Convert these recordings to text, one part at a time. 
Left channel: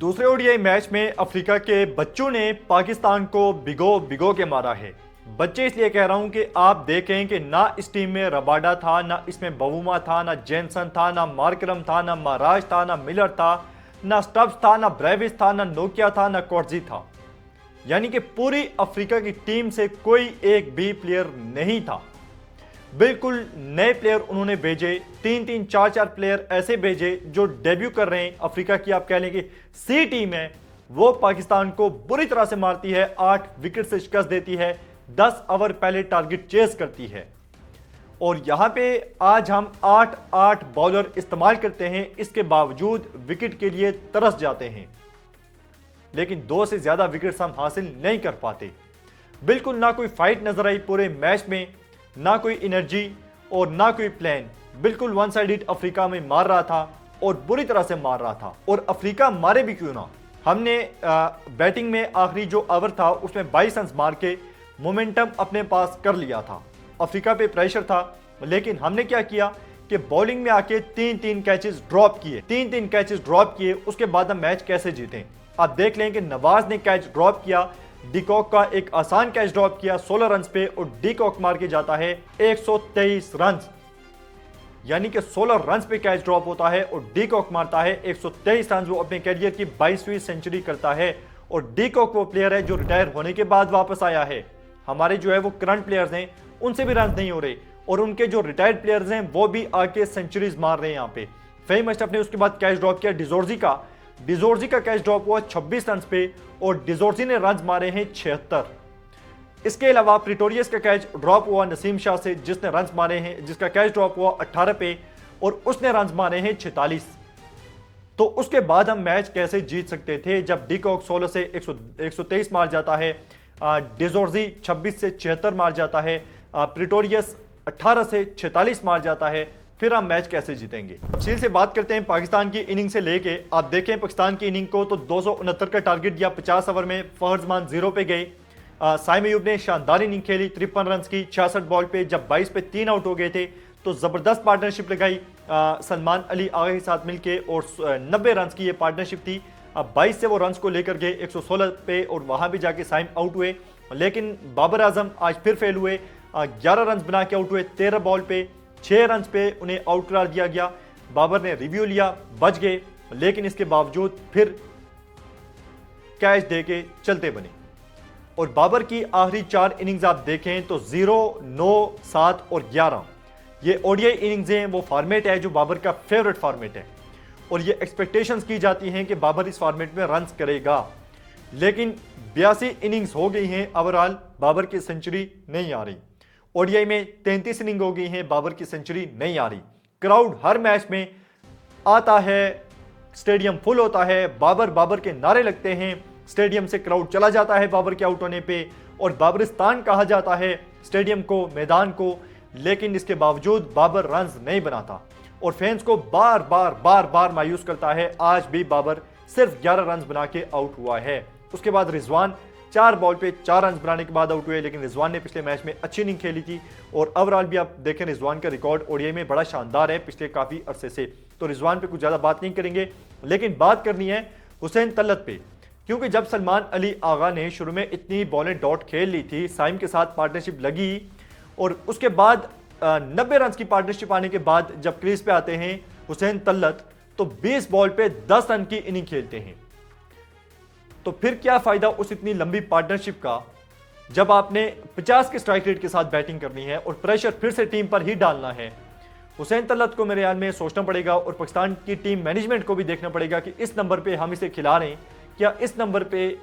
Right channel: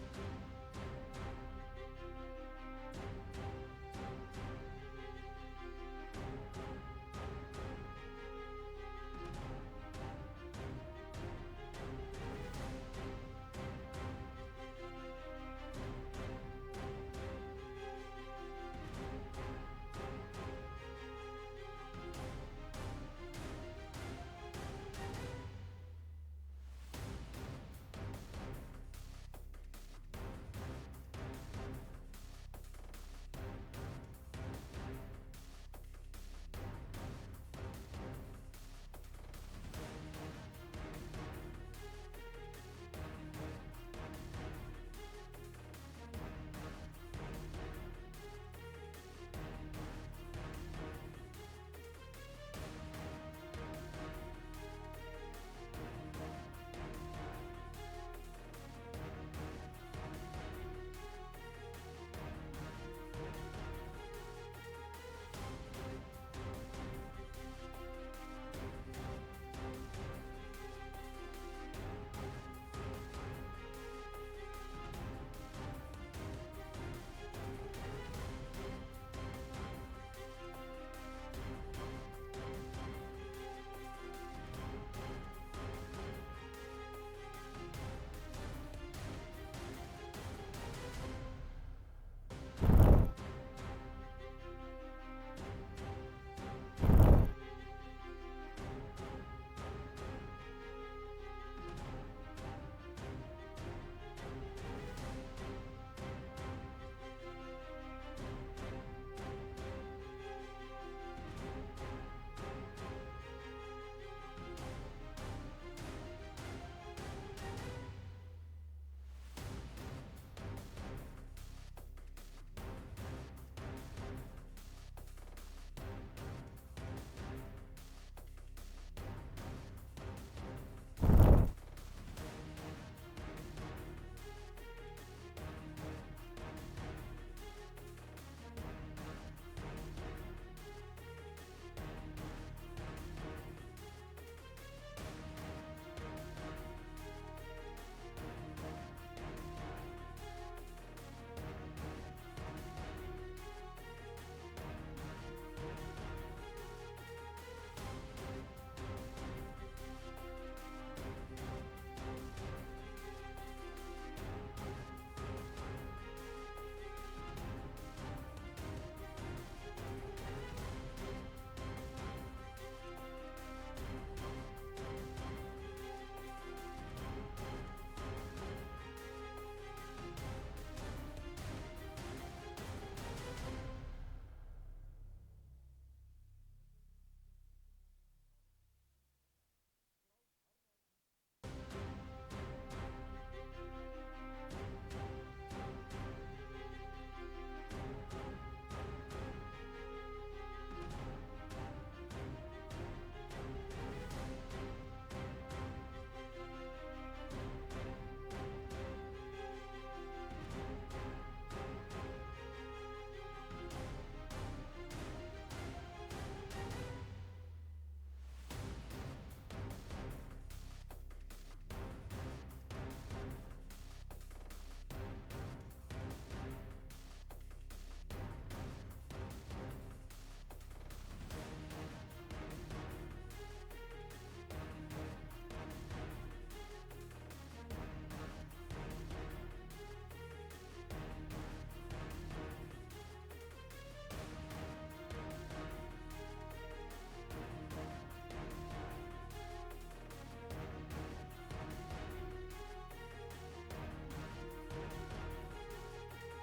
दूसरे ODI match में Africa के बच्चों ने पाकिस्तान को भिगो भिगो के मारा है। बच्चे इसलिए कह रहा हूं कि आप देखें कि ना इस टीम में रबाडा था, ना इसमें बवुमा था, ना जेनसन था, ना मार्करम था, ना महाराज था, ना मिलर था, ना स्टब्स था, ना ब्रेविस था, ना नोकिया था, ना कोर्जी था। यानी कि पूरी अफ्रीका की टीम से कोई एक भी प्लेयर नहीं था। बिल्कुल नए प्लेयर उन्होंने भेजे, तीन तीन चार चार प्लेयर ऐसे भेजे जो डेब्यू कर रहे हैं। अफ्रीका की आप कह लें कि सी टीम है, वो पाकिस्तान को बुरी तरह से मारती है, 8 विकेट से शिकस्त देती है, 10 ओवर पहले टारगेट चेस करती है। और यहां पे आज हम 8 बॉलर इस्तेमाल करते हैं, इसके बावजूद विकेट के लिए तरस जाते हैं, लेकिन 2 से ज्यादा विकेट्स हम हासिल नहीं कर पाते। बिल्कुल ना कोई फाइट नजर आई पूरे मैच में, ना कोई एनर्जी और ना कोई प्लान। बिल्कुल वन साइडेड अफ्रीका में मार रहा था और बुरी तरह से मार रहा था। और अफ्रीका मारे भी क्यों ना, हमने बैटिंग में आखिरी जो ओवर था उसमें 22 रन मार के मोमेंटम अपने पास कर लिया था। अफ्रीका पे प्रेशर था, लेकिन हमने क्या किया कि बॉलिंग में आके 3-3 कैचेस ड्रॉप किए, 3-3 कैचेस ड्रॉप किए। उसके बाद हम मैच कैसे जीते आप देख लें कि नवाज ने कैच ड्रॉप किया, डीकॉक का एक आसान कैच ड्रॉप किया 16 रन पे, और डीकॉक मार के जाता है 123 रन। यानी कि 16 रन पे कैच ड्रॉप होता है और डीकॉक मारता है 123 रन। वो अपने कैरियर की 22वीं सेंचुरी करता है। और डीकॉक वो प्लेयर है जो रिटायर होने के बाद वापस आया है। हमारे जो है वो करंट प्लेयर्स हैं, उनसे भी रन नहीं हो रहे, और उनके जो रिटायर्ड प्लेयर्स हैं वो भी आके सेंचुरीज मार रहे हैं। यहाँ पे फेम अशरफ ने उसके बाद कैच ड्रॉप किया डिजोर्जी का कैच ड्रॉप हुआ 26 रन पे, और डिजोर्जी ने रन मारे हैं 76। इसके अलावा प्रिटोरियस का कैच ड्रॉप हुआ नसीम शाह से, जिसने रन मारे हैं, जिसका कैच ड्रॉप हुआ 18 पे और उसने रन मारे हैं 46। तो उसके बाद हम मैच कैसे जीत सकते थे जब डीकॉक 16 से 123 मार जाता है, डिजोर्जी 26 से 76 मार जाता है, प्रिटोरियस 18 से 46 मार जाता है, फिर हम मैच कैसे जीतेंगे। तफसील से बात करते हैं पाकिस्तान की इनिंग से लेके। आप देखें पाकिस्तान की इनिंग को तो 269 का टारगेट दिया, 50 ओवर में फहरजमान 0 पे गए। साइम अयूब ने शानदार इनिंग खेली 53 रन की 66 बॉल पे, जब 22 पे 3 आउट हो गए थे तो जबरदस्त पार्टनरशिप लगाई सलमान अली आगा के साथ मिलके, और 90 रन की ये पार्टनरशिप थी। 22 से वो रन को लेकर गए 116 पे, और वहां भी जाके साइम आउट हुए, लेकिन बाबर आजम आज फिर फेल हुए। 11 रन बना के आउट हुए 13 बॉल पे, 6 रन पे उन्हें आउट करार दिया गया। बाबर ने रिव्यू लिया, बच गए, लेकिन इसके बावजूद फिर कैच देके चलते बने। और बाबर की आखिरी 4 इनिंग्स आप देखें तो 0, 9, 7 और 11 ये ओडीआई इनिंग्स हैं। वो फॉर्मेट है जो बाबर का फेवरेट फॉर्मेट है, और ये एक्सपेक्टेशंस की जाती हैं कि बाबर इस फॉर्मेट में रन करेगा, लेकिन 82 इनिंग्स हो गई हैं, ओवरऑल बाबर की सेंचुरी नहीं आ रही। ओडीआई में 33 इनिंग हो गई हैं, बाबर की सेंचुरी नहीं आ रही। क्राउड हर मैच में आता है, स्टेडियम फुल होता है, बाबर बाबर के नारे लगते हैं, स्टेडियम से क्राउड चला जाता है बाबर के आउट होने पे, और बाबरिस्तान कहा जाता है स्टेडियम को, मैदान को, लेकिन इसके बावजूद बाबर रन नहीं बनाता और फैंस को बार बार मायूस करता है। आज भी बाबर सिर्फ 11 रन बना के आउट हुआ है। उसके बाद रिजवान 4 बॉल पे 4 रन बनाने के बाद आउट हुए, लेकिन रिजवान ने पिछले मैच में अच्छी इनिंग खेली थी, और ओवरऑल भी आप देखें रिजवान का रिकॉर्ड ओडीआई में बड़ा शानदार है पिछले काफी अरसे से। तो रिजवान पे कुछ ज्यादा बात नहीं करेंगे, लेकिन बात करनी है हुसैन तलत पे, क्योंकि जब सलमान अली आगा ने शुरू में इतनी बॉलें डॉट खेल ली थी, साइम के साथ पार्टनरशिप लगी, और उसके बाद 90 रन की पार्टनरशिप आने के बाद जब क्रीज पे आते हैं हुसैन तलत, तो 20 बॉल पे 10 रन की इनिंग खेलते हैं। तो फिर क्या फायदा उस इतनी लंबी पार्टनरशिप का जब आपने 50 के स्ट्राइक रेट के साथ बैटिंग करनी है और प्रेशर फिर से टीम पर ही डालना है। हुसैन तलत को मेरे ख्याल में सोचना पड़ेगा, और पाकिस्तान की टीम मैनेजमेंट को भी देखना पड़ेगा कि इस नंबर पे हम इसे खिला रहे हैं, क्या इस नंबर पे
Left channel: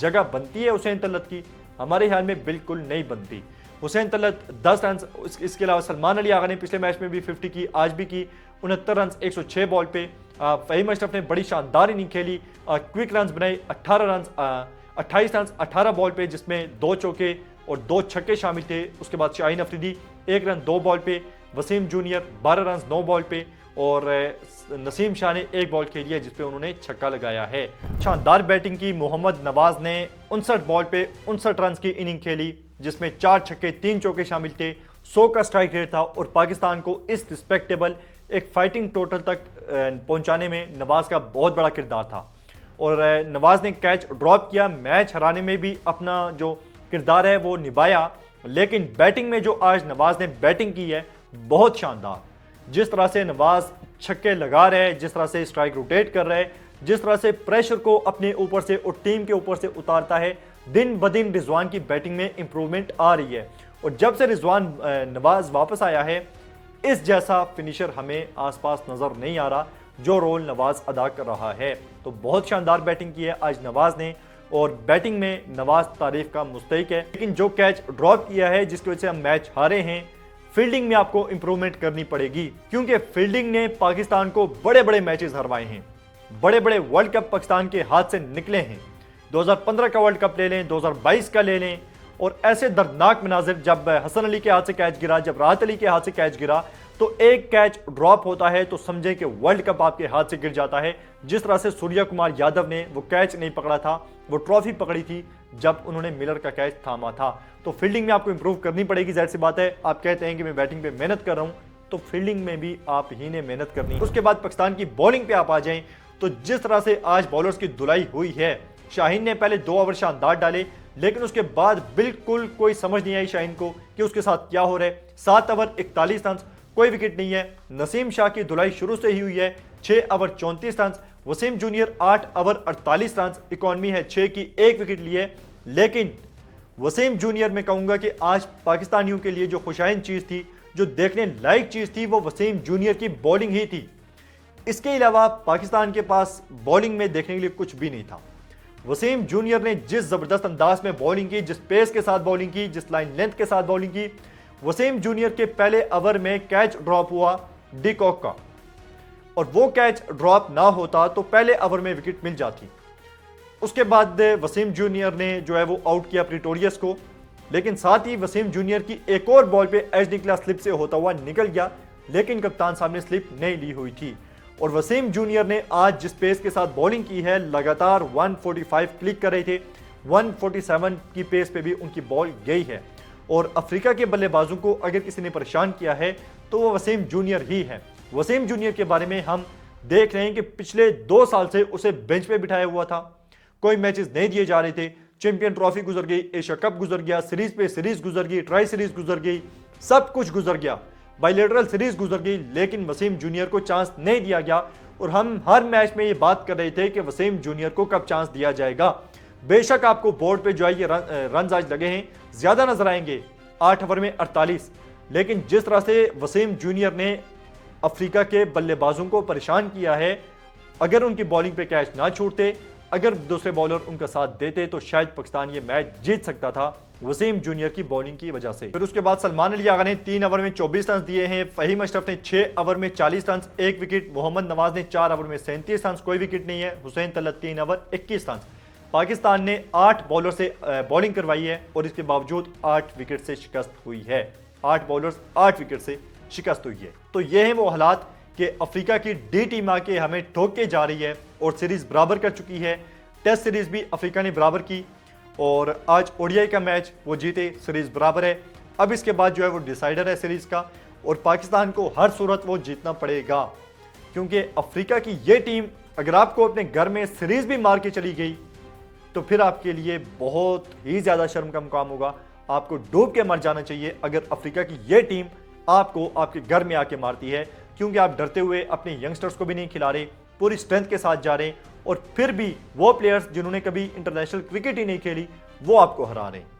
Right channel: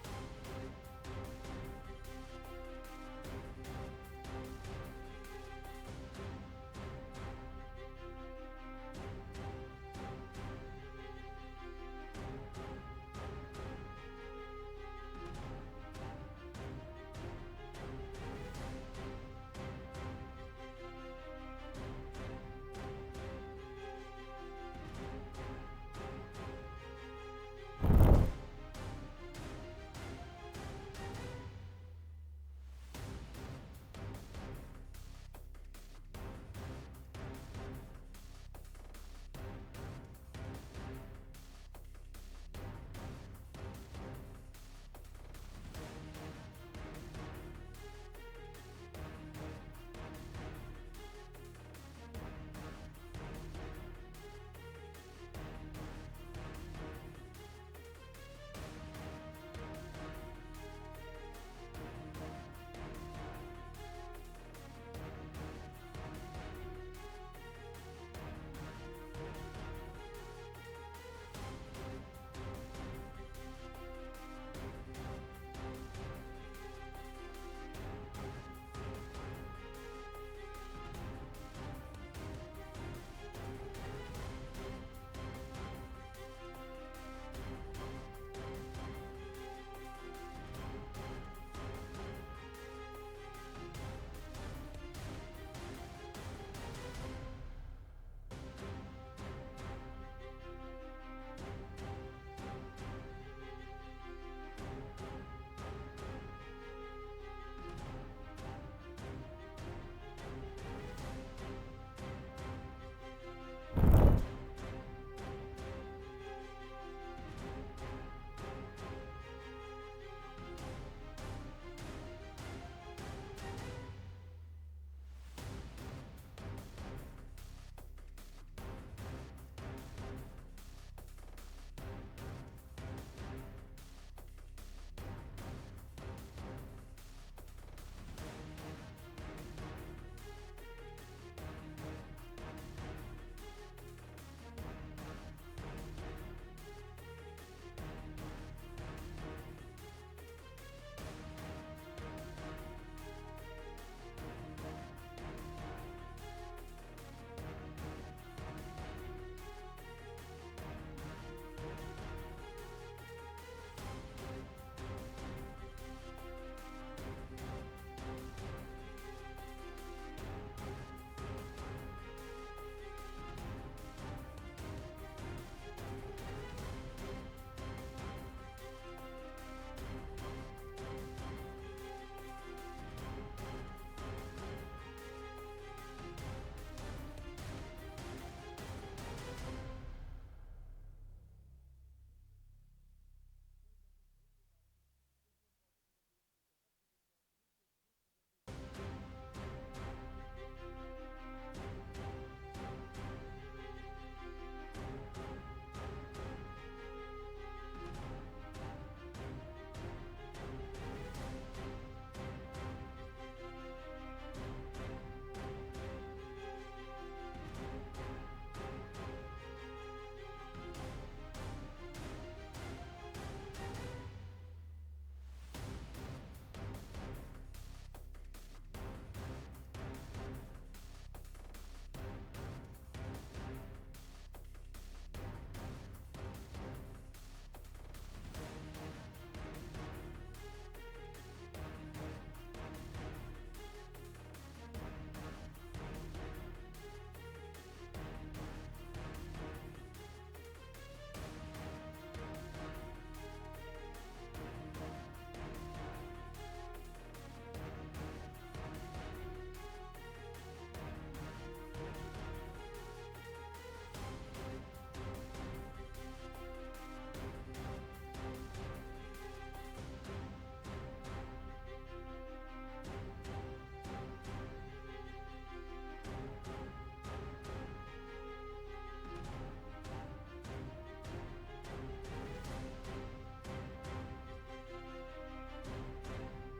जगह बनती है हुसैन तलत की? हमारे ख्याल में बिल्कुल नहीं बनती। हुसैन तलत 10 रन, इसके अलावा सलमान अली आगा ने पिछले मैच में भी 50 की, आज भी की 69 रन 106 बॉल पे। फहीम अशरफ ने बड़ी शानदार इनिंग खेली, क्विक रन बनाए 28 रन 18 बॉल पे, जिसमें 2 चौके और 2 छक्के शामिल थे। उसके बाद शाहीन अफरीदी 1 रन 2 बॉल पे, वसीम जूनियर 12 रन 9 बॉल पे, और नसीम शाह ने 1 बॉल खेली है जिसपे उन्होंने छक्का लगाया है। शानदार बैटिंग की मोहम्मद नवाज ने 59 बॉल पे 59 रन की इनिंग खेली, जिसमें 4 छक्के 3 चौके शामिल थे, 100 का स्ट्राइक रेट था, और पाकिस्तान को इस रिस्पेक्टेबल एक फाइटिंग टोटल तक पहुंचाने में नवाज का बहुत बड़ा किरदार था। और नवाज ने कैच ड्रॉप किया, मैच हराने में भी अपना जो किरदार है वो निभाया। लेकिन बैटिंग में जो आज नवाज ने बैटिंग की है बहुत शानदार। जिस तरह से नवाज छक्के लगा रहे हैं, जिस तरह से स्ट्राइक रोटेट कर रहे हैं, जिस तरह से प्रेशर को अपने ऊपर से और टीम के ऊपर से उतारता है, दिन ब दिन रिजवान की बैटिंग में इंप्रूवमेंट आ रही है। और जब से रिजवान नवाज वापस आया है, इस जैसा फिनिशर हमें आसपास नजर नहीं आ रहा जो रोल नवाज अदा कर रहा है। तो बहुत शानदार बैटिंग की है आज नवाज ने और बैटिंग में नवाज तारीफ का मुस्तहिक है। लेकिन जो कैच ड्रॉप किया है जिसकी वजह से हम मैच हारे हैं, फील्डिंग में आपको इंप्रूवमेंट करनी पड़ेगी, क्योंकि फील्डिंग ने पाकिस्तान को बड़े बड़े मैचेस हरवाए हैं। बड़े बड़े वर्ल्ड कप पाकिस्तान के हाथ से निकले हैं। 2015 का वर्ल्ड कप ले लें, 2022 का ले लें, और ऐसे दर्दनाक मनाजिर, जब हसन अली के हाथ से कैच गिरा, जब राहत अली के हाथ से कैच गिरा, तो एक कैच ड्रॉप होता है तो समझें कि वर्ल्ड कप आपके हाथ से गिर जाता है। जिस तरह से सूर्या कुमार यादव ने वो कैच नहीं पकड़ा था, वो ट्रॉफी पकड़ी थी जब उन्होंने मिलर का कैच थामा था। तो फील्डिंग में आपको इंप्रूव करनी पड़ेगी, जाहिर सी बात है। आप कहते हैं कि मैं बैटिंग पे मेहनत कर रहा हूं, तो फील्डिंग में भी आप ही ने मेहनत करनी है। उसके बाद पाकिस्तान की बॉलिंग पे आप आ जाएं, तो जिस तरह से आज बॉलर्स की धुलाई हुई है, शाहीन ने पहले 2 ओवर शानदार डाले, लेकिन उसके बाद बिल्कुल कोई समझ नहीं आई शाहीन को कि उसके साथ क्या हो रहा है। 7 ओवर 41 रन, कोई विकेट नहीं है। नसीम शाह की धुलाई शुरू से ही हुई है, 6 over 34 run. Waseem junior 8 over 48 run, economy है 6 की, 1 विकेट लिए। लेकिन वसीम जूनियर में कहूंगा कि आज पाकिस्तानियों के लिए जो खुशाइन चीज थी, जो देखने लायक चीज थी, वो वसीम जूनियर की बॉलिंग ही थी। इसके अलावा पाकिस्तान के पास बॉलिंग में देखने के लिए कुछ भी नहीं था। वसीम जूनियर ने जिस जबरदस्त अंदाज में बॉलिंग की, जिस पेस के साथ बॉलिंग की, जिस लाइन लेंथ के साथ बॉलिंग की, वसीम जूनियर के पहले ओवर में कैच ड्रॉप हुआ डिकॉक का, और वो कैच ड्रॉप ना होता तो पहले ओवर में विकेट मिल जाती। उसके बाद वसीम जूनियर ने जो है वो आउट किया प्रिटोरियस को, लेकिन साथ ही वसीम जूनियर की एक और बॉल पे एज निकला, स्लिप से होता हुआ निकल गया, लेकिन कप्तान साहब ने स्लिप नहीं ली हुई थी। और वसीम जूनियर ने आज जिस पेस के साथ बॉलिंग की है, लगातार 145 क्लिक कर रहे थे, 147 की पेस पे भी उनकी बॉल गई है। और अफ्रीका के बल्लेबाजों को अगर किसी ने परेशान किया है तो वो वसीम जूनियर ही है। वसीम जूनियर के बारे में हम देख रहे हैं कि पिछले 2 साल से उसे बेंच पे बिठाया हुआ था, कोई मैचेस नहीं दिए जा रहे थे। चैंपियन ट्रॉफी गुजर गई, एशिया कप गुजर गया, सीरीज पे सीरीज गुजर गई, ट्राई सीरीज गुजर गई, सब कुछ गुजर गया, बायलैटरल सीरीज गुजर गई, लेकिन वसीम जूनियर को चांस नहीं दिया गया। और हम हर मैच में ये बात कर रहे थे कि वसीम जूनियर को कब चांस दिया जाएगा। बेशक आपको बोर्ड पे जो है ये रन आज लगे हैं, ज्यादा नजर आएंगे, 8 ओवर में 48, लेकिन जिस तरह से वसीम जूनियर ने अफ्रीका के बल्लेबाजों को परेशान किया है, अगर उनकी बॉलिंग पे कैच ना छूटते, अगर दूसरे बॉलर उनका साथ देते, तो शायद पाकिस्तान ये मैच जीत सकता था वसीम जूनियर की बॉलिंग की वजह से। फिर उसके बाद सलमान अली आगा ने 3 ओवर में 24 रन दिए हैं, फहीम अशरफ ने 6 ओवर में 40 रन, 1 विकेट, मोहम्मद नवाज ने 4 ओवर में 37 रन, कोई विकेट नहीं है, हुसैन तलत 3 ओवर 21 रन। पाकिस्तान ने 8 बॉलर से बॉलिंग करवाई है और इसके बावजूद 8 विकेट से शिकस्त हुई है। 8 बॉलर्स 8 विकेट से शिकस्त हुई है। तो ये हैं वो हालात कि अफ्रीका की डी टीम आके हमें ठोक के जा रही है और सीरीज बराबर कर चुकी है। टेस्ट सीरीज भी अफ्रीका ने बराबर की और आज ओडीआई का मैच वो जीते, सीरीज बराबर है। अब इसके बाद जो है वो डिसाइडर है सीरीज का, और पाकिस्तान को हर सूरत वो जीतना पड़ेगा, क्योंकि अफ्रीका की ये टीम अगर आपको अपने घर में सीरीज भी मार के चली गई तो फिर आपके लिए बहुत ही ज़्यादा शर्म का मुकाम होगा। आपको डूब के मर जाना चाहिए अगर अफ्रीका की ये टीम आपको आपके घर में आके मारती है, क्योंकि आप डरते हुए अपने यंगस्टर्स को भी नहीं खिला रहे, पूरी स्ट्रेंथ के साथ जा रहे हैं, और फिर भी वो प्लेयर्स जिन्होंने कभी इंटरनेशनल क्रिकेट ही नहीं खेली वो आपको हरा रहे हैं।